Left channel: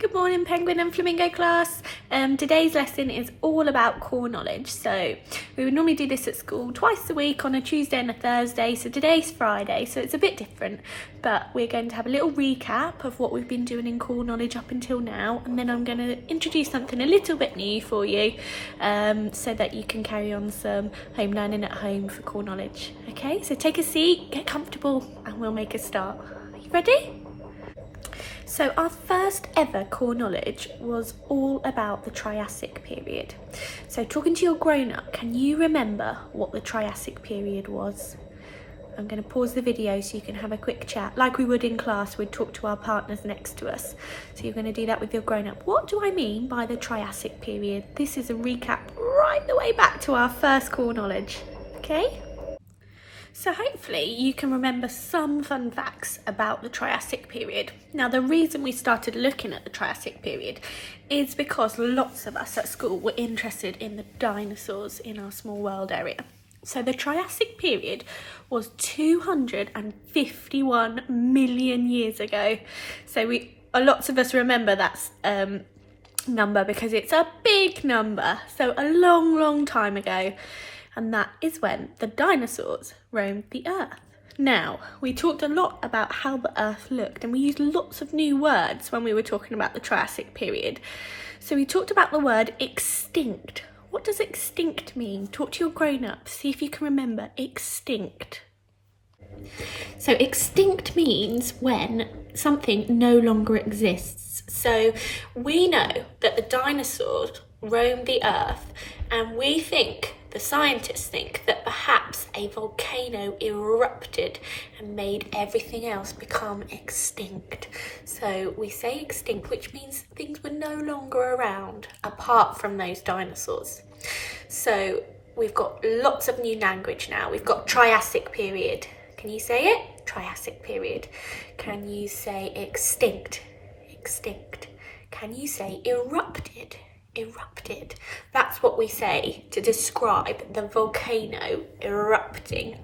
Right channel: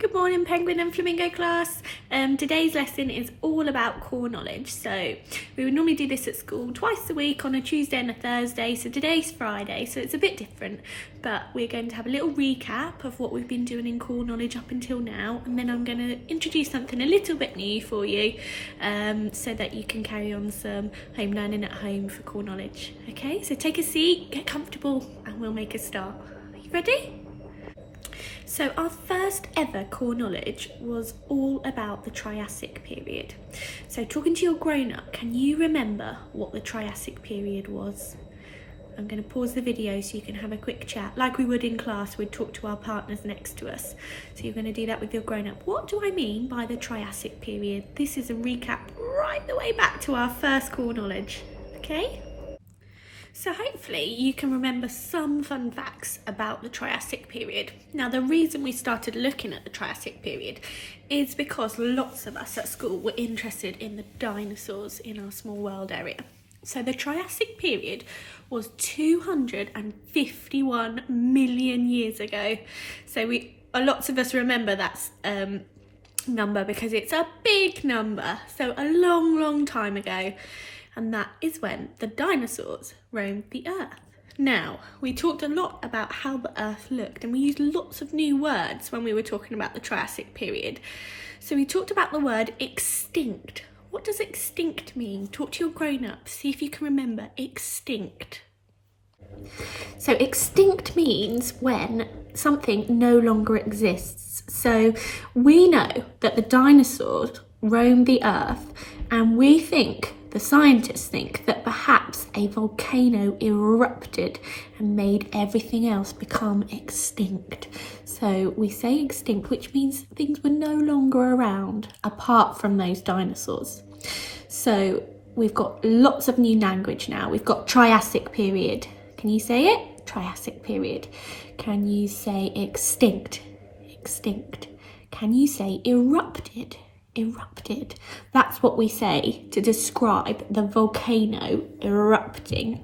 Good morning, Penguin and Flamingo class. Today's lesson is all about core knowledge. So we would normally do this at school twice a week on a Tuesday and a Thursday. So today's Friday, so it's a bit different. But we're going to have a little recap of what we've been doing in core knowledge up until now. And then I'm going to introduce something a little bit new for you so that you can carry on some home learning at home for core knowledge. Okay, so take a seat, get comfortable, and we'll make a start. Are you ready? So our first ever core knowledge was all about the Triassic period. So talking to your grown-up, can you remember what the Triassic period was? I'm going to pause the video so you can have a quick chat. Like we would in class, we'd talk to our partners next to us. So you're going to do that with your grown-up. What do I mean by the Triassic period? This is a recap right the way back to our first core knowledge, okay? So hopefully you can remember some fun facts about the Triassic period. Now the reason we started looking at the Triassic period is because lots of us at school were interested in the dinosaurs in our small world area. So the Triassic period was 251 million years ago. So lots of us remember that number because it's a big number. So a long time ago. And that is when the dinosaurs roamed the earth. Now, we talked a lot about how the earth looked and we used lots of new words when we were talking about the Triassic period. So we talked about the word extinct. What does extinct mean? Talk to your grown-ups, see if you can remember extinct. So extinct means when something no longer exists. So we know that the dinosaurs roamed the earth and the scientists think that perhaps a volcano erupted and made everything else become extinct. So we say extinct, which means things were no longer around apart from those dinosaurs. So we've got lots of new language now. We've got Triassic period. Can you say it? Triassic period. Can you say extinct? Extinct. Can you say erupted? Erupted. That's what we say to describe the volcano erupting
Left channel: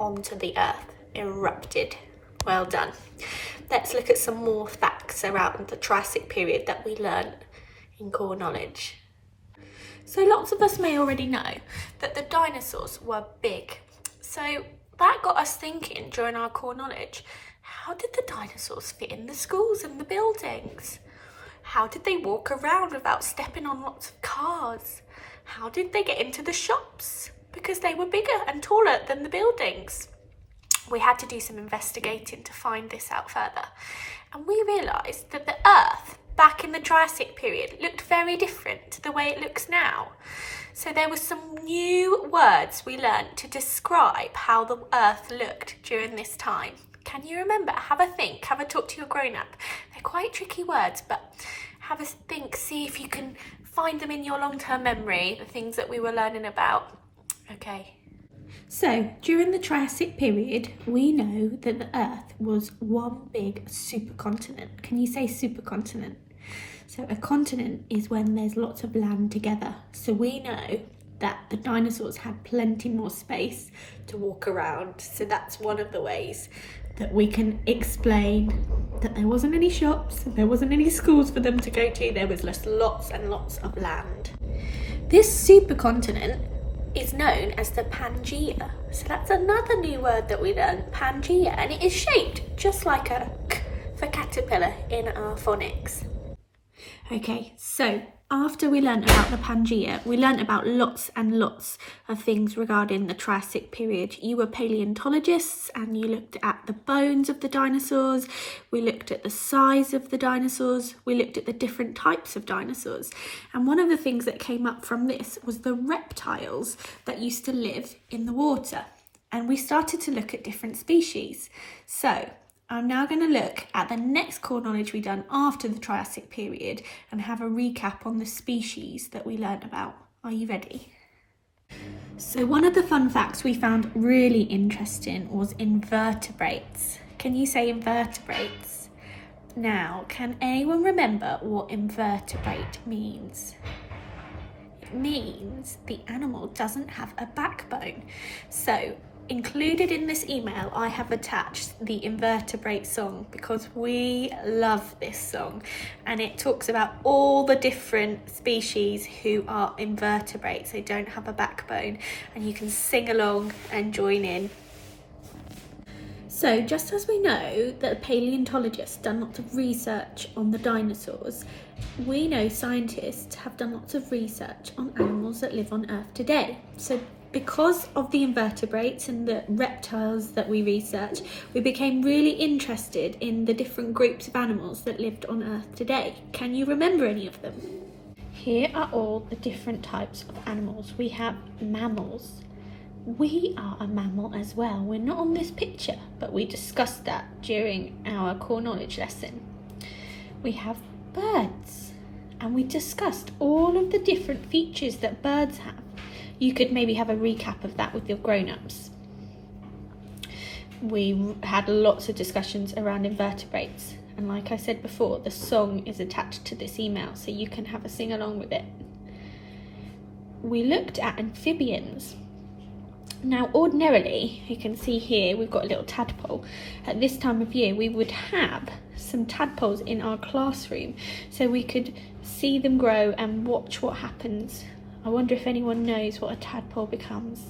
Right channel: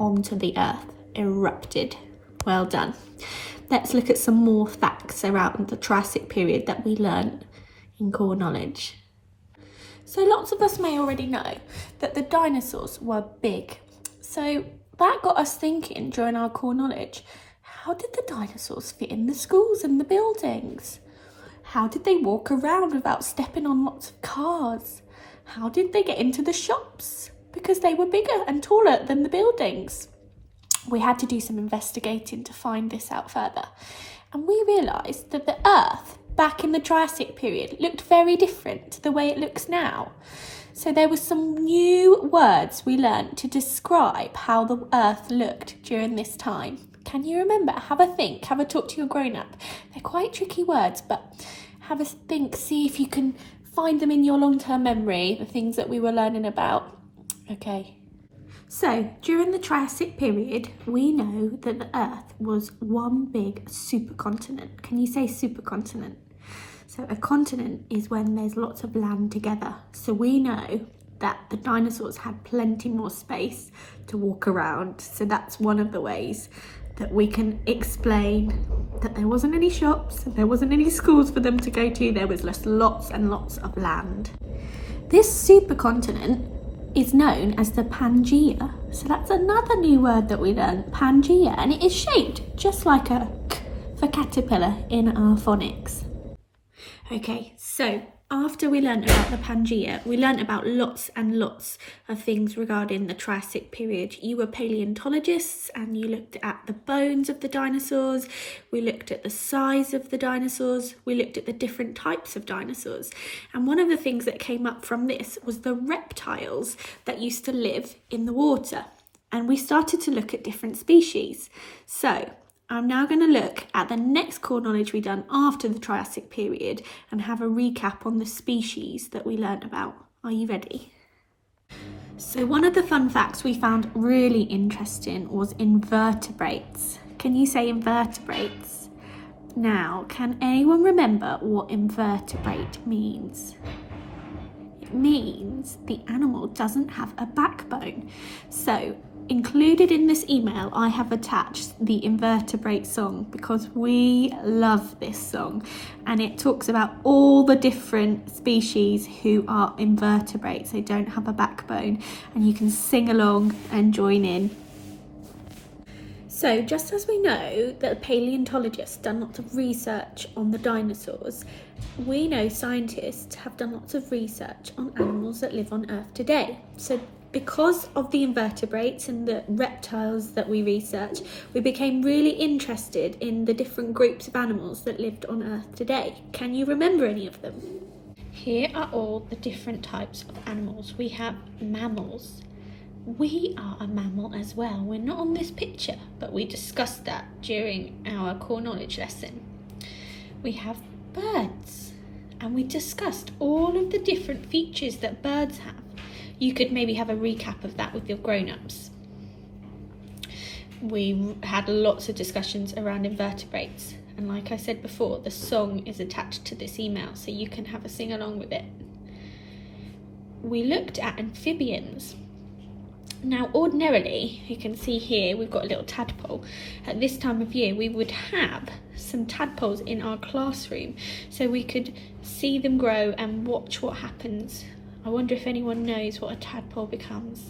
onto the earth. Erupted. Well done. Let's look at some more facts around the Triassic period that we learned in core knowledge. So lots of us may already know that the dinosaurs were big. So that got us thinking during our core knowledge, how did the dinosaurs fit in the schools and the buildings? How did they walk around without stepping on lots of cars? How did they get into the shops? Because they were bigger and taller than the buildings. We had to do some investigating to find this out further. And we realised that the Earth back in the Triassic period looked very different to the way it looks now. So there were some new words we learnt to describe how the Earth looked during this time. Can you remember? Have a think, have a talk to your grown-up. They're quite tricky words, but have a think, see if you can find them in your long-term memory, the things that we were learning about. Okay. So, during the Triassic period, we know that the Earth was one big supercontinent. Can you say supercontinent? So a continent is when there's lots of land together. So we know that the dinosaurs had plenty more space to walk around. So that's one of the ways that we can explain that there wasn't any shops, there wasn't any schools for them to go to, there was just lots and lots of land. This supercontinent is known as the Pangaea. So that's another new word that we learned, Pangaea, and it is shaped just like a K for caterpillar in our phonics. Okay, so after we learnt about the Pangaea, we learnt about lots and lots of things regarding the Triassic period. You were paleontologists and you looked at the bones of the dinosaurs, we looked at the size of the dinosaurs, we looked at the different types of dinosaurs. And one of the things that came up from this was the reptiles that used to live in the water. And we started to look at different species. So I'm now going to look at the next core knowledge we done after the Triassic period and have a recap on the species that we learnt about. Are you ready? So one of the fun facts we found really interesting was invertebrates. Can you say invertebrates? Now, can anyone remember what invertebrate means? It means the animal doesn't have a backbone. So included in this email, I have attached the invertebrate song because we love this song, and it talks about all the different species who are invertebrates. They don't have a backbone, and you can sing along and join in. So just as we know that paleontologists done lots of research on the dinosaurs, we know scientists have done lots of research on animals that live on Earth today. So because of the invertebrates and the reptiles that we researched, we became really interested in the different groups of animals that lived on Earth today. Can you remember any of them? Here are all the different types of animals. We have mammals. We are a mammal as well. We're not on this picture, but we discussed that during our core knowledge lesson. We have birds, and we discussed all of the different features that birds have. You could maybe have a recap of that with your grown-ups. We had lots of discussions around invertebrates, and like I said before, the song is attached to this email, so you can have a sing along with it. We looked at amphibians. Now ordinarily, you can see here we've got a little tadpole. At this time of year we would have some tadpoles in our classroom so we could see them grow and watch what happens. I wonder if anyone knows what a tadpole becomes.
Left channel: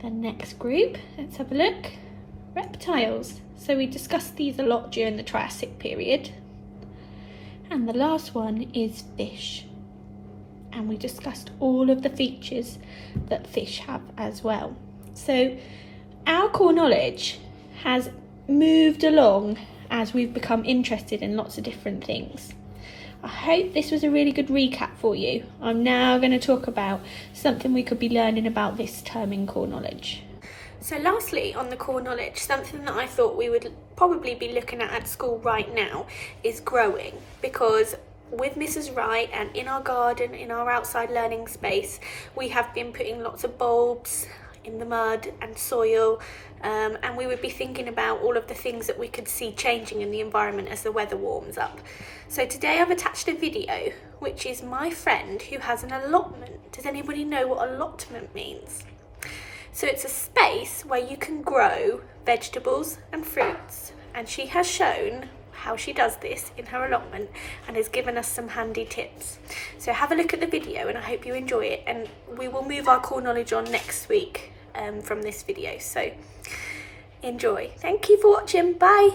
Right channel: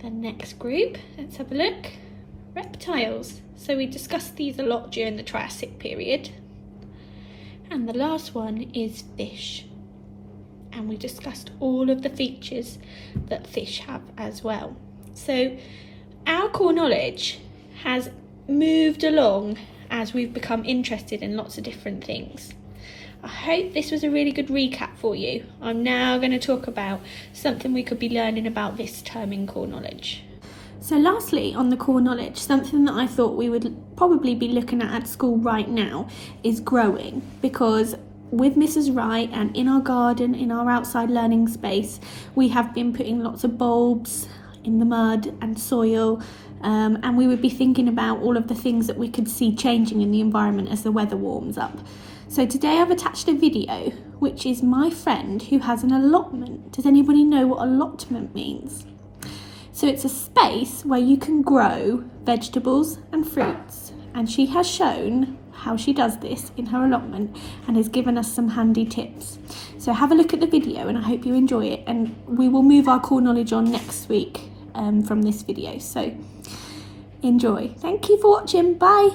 The next group, let's have a look. Reptiles. So we discussed these a lot during the Triassic period. And the last one is fish. And we discussed all of the features that fish have as well. So our core knowledge has moved along as we've become interested in lots of different things. I hope this was a really good recap for you. I'm now going to talk about something we could be learning about this term in core knowledge. So lastly, on the core knowledge, something that I thought we would probably be looking at school right now is growing, because with Mrs. Wright and in our garden, in our outside learning space, we have been putting lots of bulbs in the mud and soil, and we would be thinking about all of the things that we could see changing in the environment as the weather warms up. So today I've attached a video, which is my friend who has an allotment. Does anybody know what allotment means? So it's a space where you can grow vegetables and fruits, and she has shown how she does this in her allotment and has given us some handy tips. So have a look at the video and I hope you enjoy it, and we will move our core knowledge on next week from this video. So enjoy. Thank you for watching. Bye.